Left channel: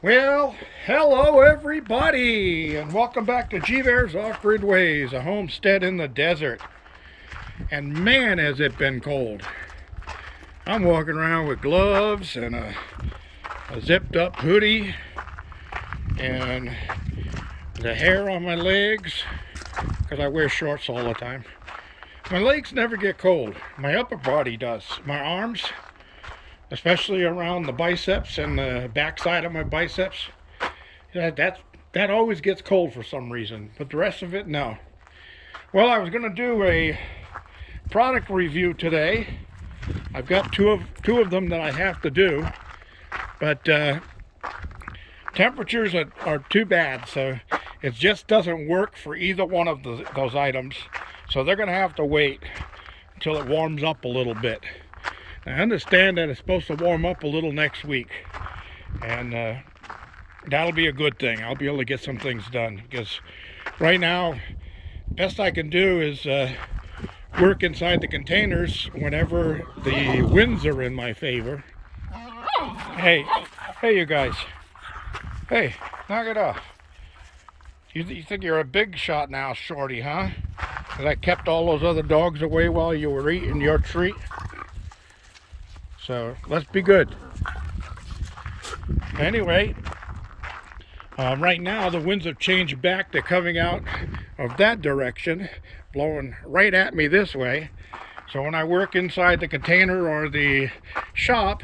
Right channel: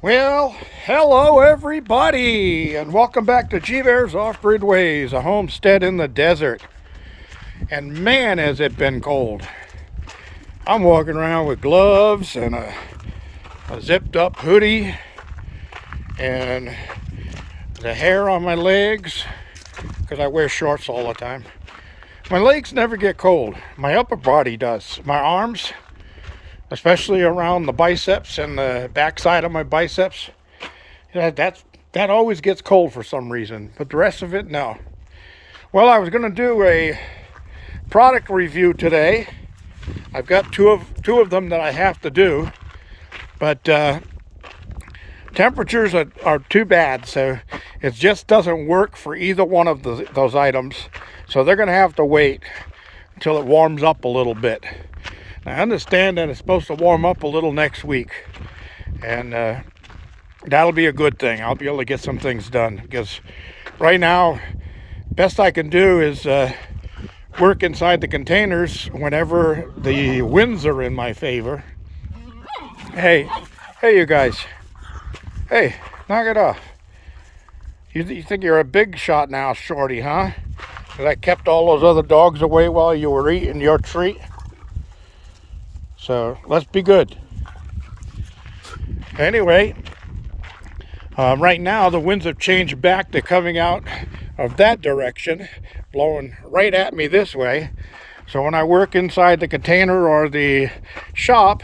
Well, hello everybody, and welcome back to G-Bear's Off-Grid Ways, a homestead in the desert. And man, has it been cold. I'm walking around with gloves and a zipped up hoodie and the hair on my legs, because I wear shorts all the time. My legs never get cold. My upper body does. My arms, especially around the biceps and the backside of my biceps, that always gets cold for some reason, but the rest of it, no. Well, I was going to do a product review today. I've got two of them that I have to do, but temperatures are too bad, so it just doesn't work for either one of those items. So they're going to have to wait until it warms up a little bit. I understand that it's supposed to warm up a little next week, and that'll be a good thing. I'll be able to get some things done, because right now, best I can do is work inside the containers whenever the winds are in my favor. Hey, you guys. Hey, knock it off. You think you're a big shot now, Shorty, huh? Because I kept all those other dogs away while you were eating your treat. So let's be good. Anyway, right now the winds have changed back to coming out of that direction, blowing right at me this way. So when I work inside the container or the shop,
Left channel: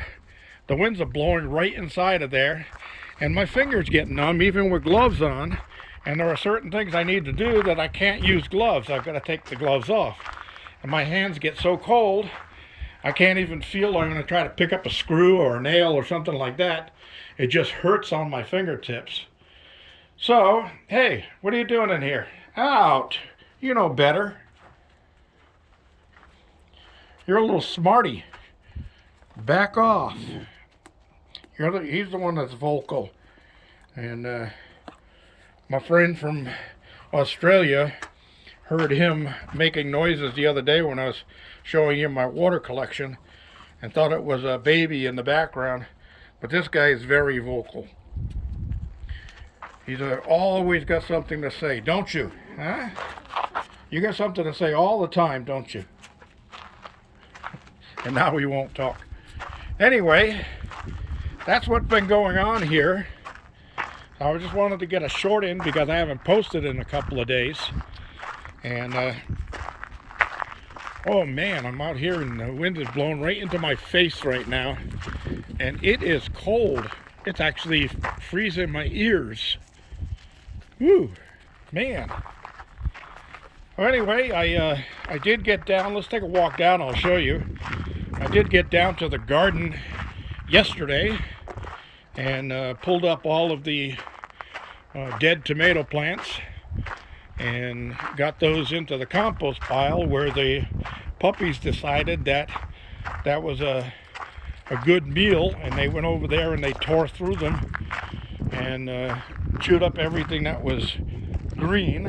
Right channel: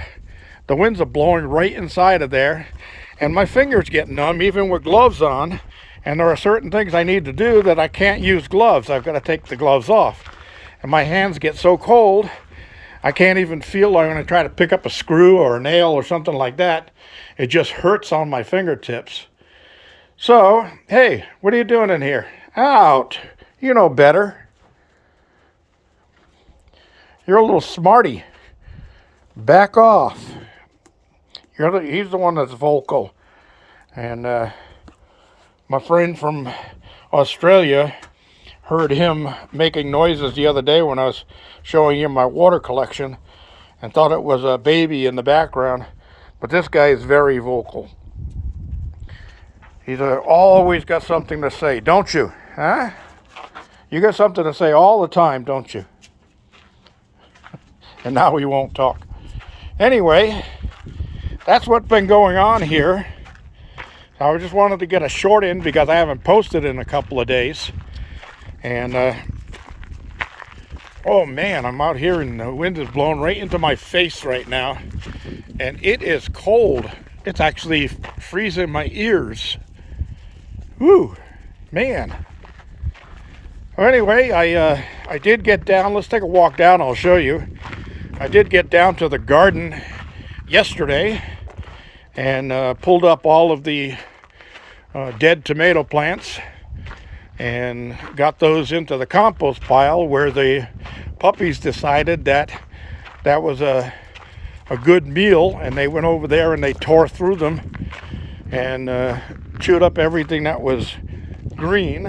the winds are blowing right inside of there, and my fingers get numb even with gloves on. And there are certain things I need to do that I can't use gloves. I've got to take the gloves off, and my hands get so cold I can't even feel like when I try to pick up a screw or a nail or something like that. It just hurts on my fingertips. So, hey, what are you doing in here? Out. You know better. You're a little smarty. Back off. He's the one that's vocal. And my friend from Australia heard him making noises the other day when I was showing him my water collection, and thought it was a baby in the background. But this guy is very vocal. He's always got something to say, don't you? Huh? You got something to say all the time, don't you? And now we won't talk. Anyway, that's what's been going on here. I just wanted to get a short in because I haven't posted in a couple of days. And oh man, I'm out here and the wind is blowing right into my face right now. And it is cold. It's actually freezing my ears. Whew, man. Well, anyway, I did get down. Let's take a walk down, I'll show you. I did get down to the garden yesterday and pulled up all of the dead tomato plants and got those into the compost pile, where the puppies decided that that was a good meal, and they went over there and they tore through them and chewed up everything that was green.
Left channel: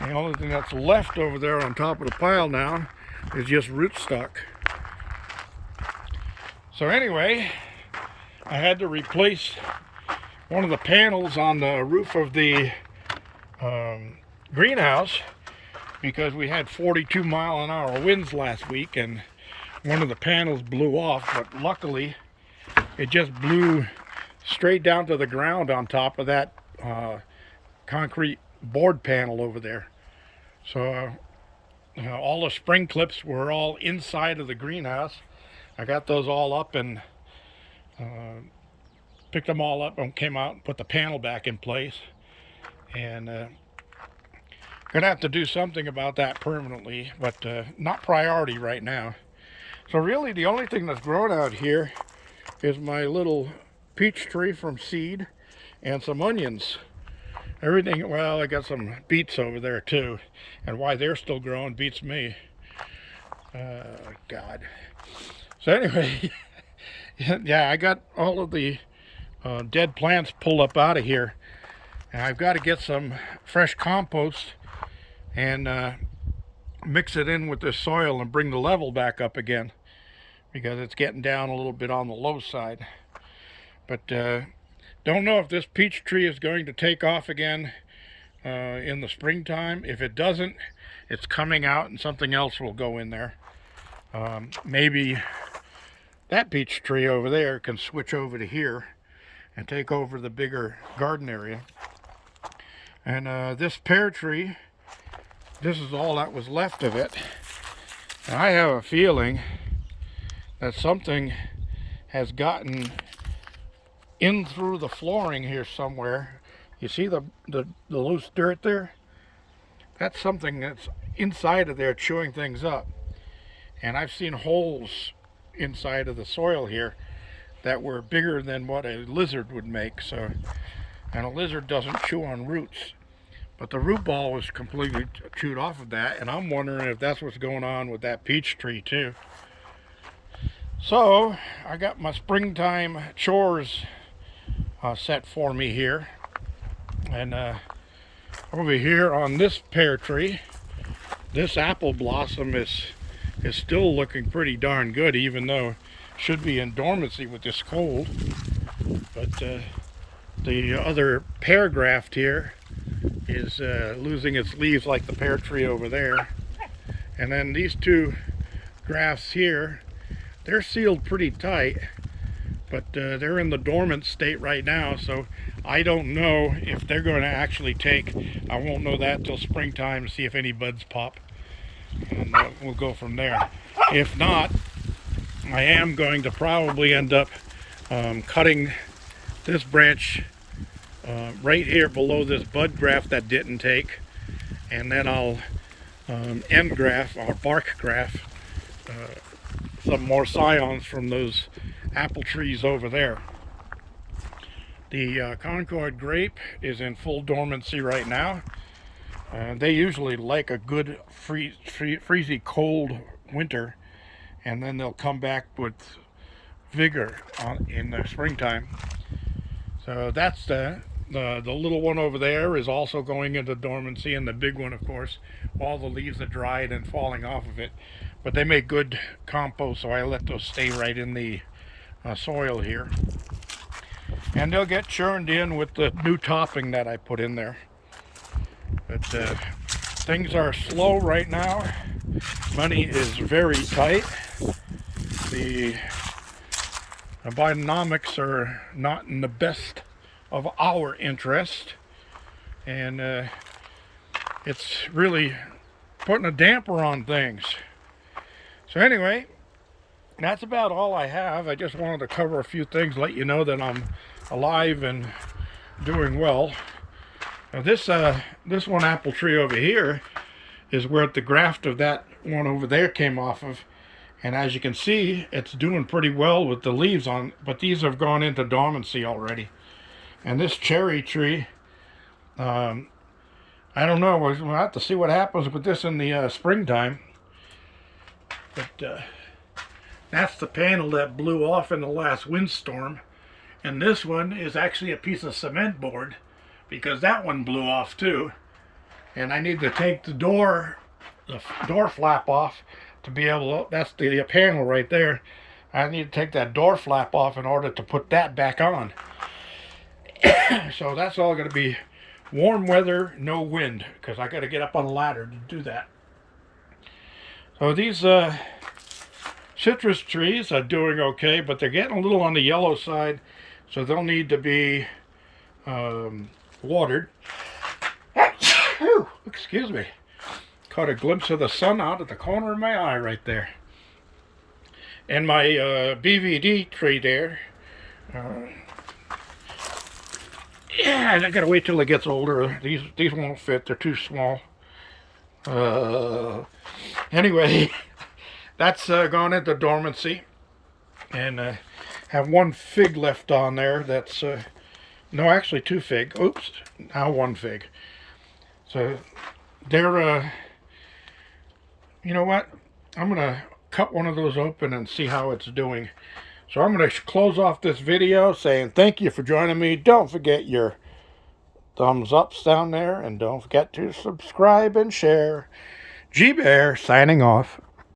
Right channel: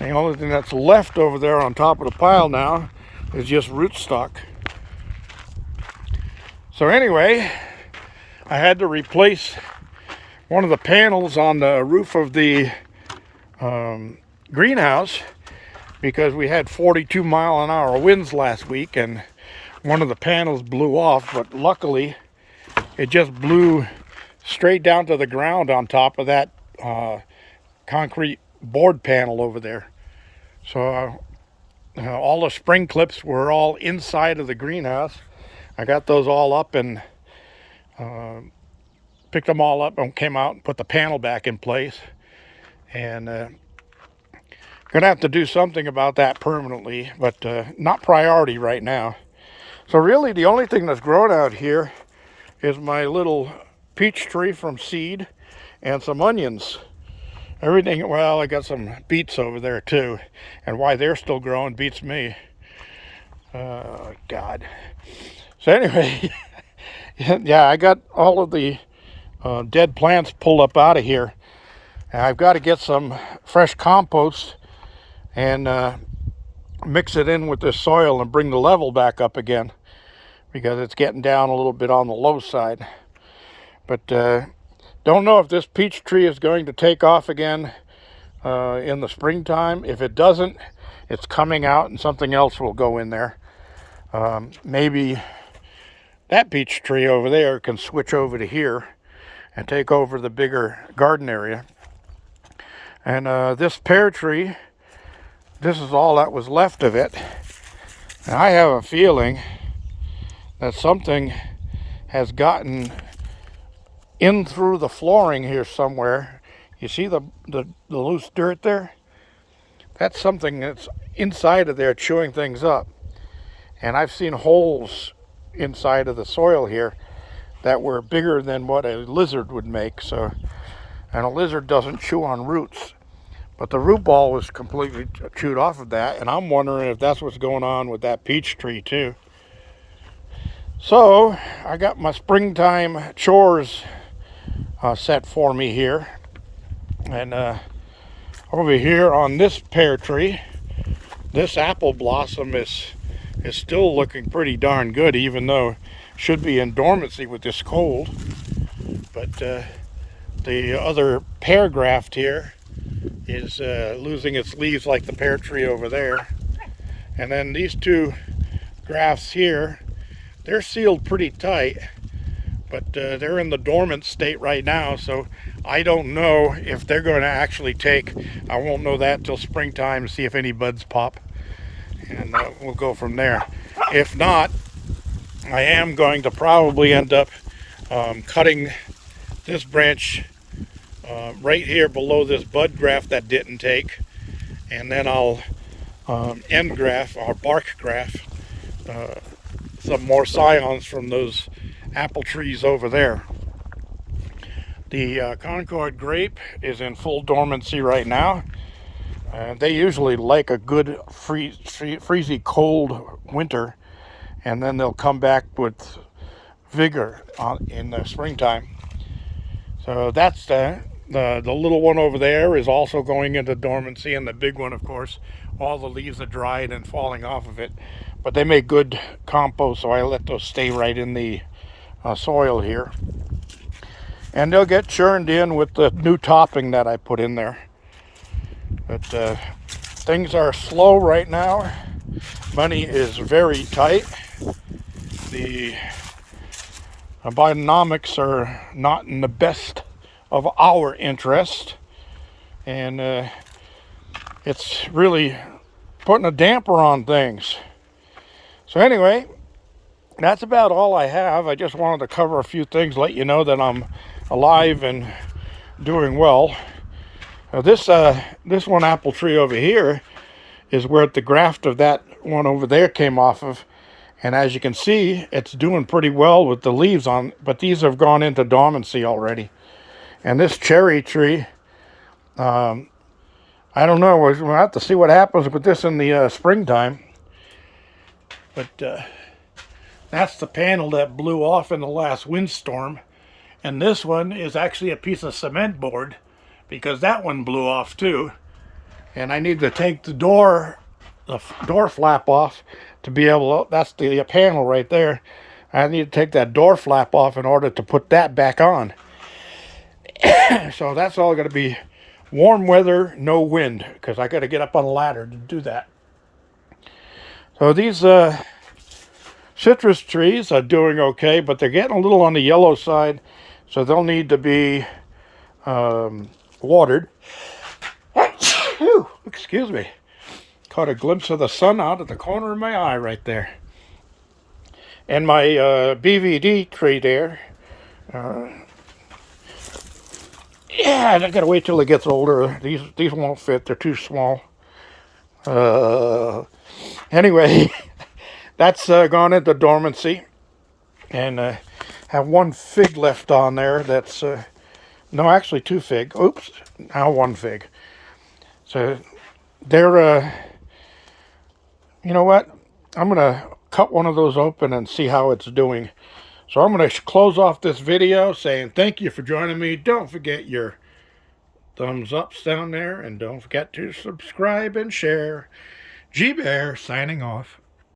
And the only thing that's left over there on top of the pile now is just rootstock. So anyway, I had to replace one of the panels on the roof of the greenhouse, because we had 42-mile-an-hour winds last week, and one of the panels blew off. But luckily it just blew straight down to the ground on top of that concrete board panel over there. So all the spring clips were all inside of the greenhouse. I got those all up and picked them all up and came out and put the panel back in place. And gonna have to do something about that permanently, but not priority right now. So really the only thing that's grown out here is my little peach tree from seed and some onions. Everything, well, I got some beets over there too, and why they're still growing beats me. God. So anyway, yeah, I got all of the dead plants pulled up out of here. And I've got to get some fresh compost and mix it in with this soil and bring the level back up again, because it's getting down a little bit on the low side. But Don't know if this peach tree is going to take off again in the springtime. If it doesn't, it's coming out and something else will go in there. Maybe that peach tree over there can switch over to here and take over the bigger garden area. And this pear tree, this is all that was left of it. And I have a feeling that something has gotten in through the flooring here somewhere. You see the loose dirt there? That's something that's inside of there chewing things up. And I've seen holes inside of the soil here that were bigger than what a lizard would make. So, and a lizard doesn't chew on roots, but the root ball was completely chewed off of that, and I'm wondering if that's what's going on with that peach tree too. So I got my springtime chores set for me here, and over here on this pear tree, this apple blossom is still looking pretty darn good, even though it should be in dormancy with this cold. But the other pear graft here is losing its leaves like the pear tree over there. And then these two grafts here, they're sealed pretty tight, but they're in the dormant state right now, so I don't know if they're going to actually take. I won't know that till springtime to see if any buds pop, and we'll go from there. If not, I am going to probably end up cutting this branch right here below this bud graft that didn't take, and then I'll end graft or bark graft some more scions from those apple trees over there. The Concord grape is in full dormancy right now. They usually like a good freezy cold winter, and then they'll come back with vigor in the springtime. So that's the little one over there is also going into dormancy, and the big one, of course, all the leaves are dried and falling off of it. But they make good compost, so I let those stay right in the soil here. And they'll get churned in with the new topping that I put in there. But things are slow right now. Money is very tight. The Bidenomics are not in the best of our interest, and it's really putting a damper on things. So anyway, that's about all I have. I just wanted to cover a few things, let you know that I'm alive and doing well. Now this one apple tree over here is where the graft of that one over there came off of, and as you can see, it's doing pretty well with the leaves on, but these have gone into dormancy already. And this cherry tree, I don't know, we'll have to see what happens with this in the springtime. But that's the panel that blew off in the last windstorm. And this one is actually a piece of cement board, because that one blew off too. And I need to take the door flap off to be able to, that's the panel right there. I need to take that door flap off in order to put that back on. So that's all going to be warm weather, no wind, because I got to get up on a ladder to do that. So these citrus trees are doing okay, but they're getting a little on the yellow side, so they'll need to be watered. Excuse me. Caught a glimpse of the sun out at the corner of my eye right there. And my BVD tree there. Yeah, I gotta wait till it gets older. These won't fit. They're too small. Anyway, that's gone into dormancy, and have one fig left on there. That's no, actually two fig. Oops, now one fig. So they're you know what? I'm gonna cut one of those open and see how it's doing. So I'm going to close off this video saying thank you for joining me. Don't forget your thumbs ups down there, and don't forget to subscribe and share. G Bear signing off.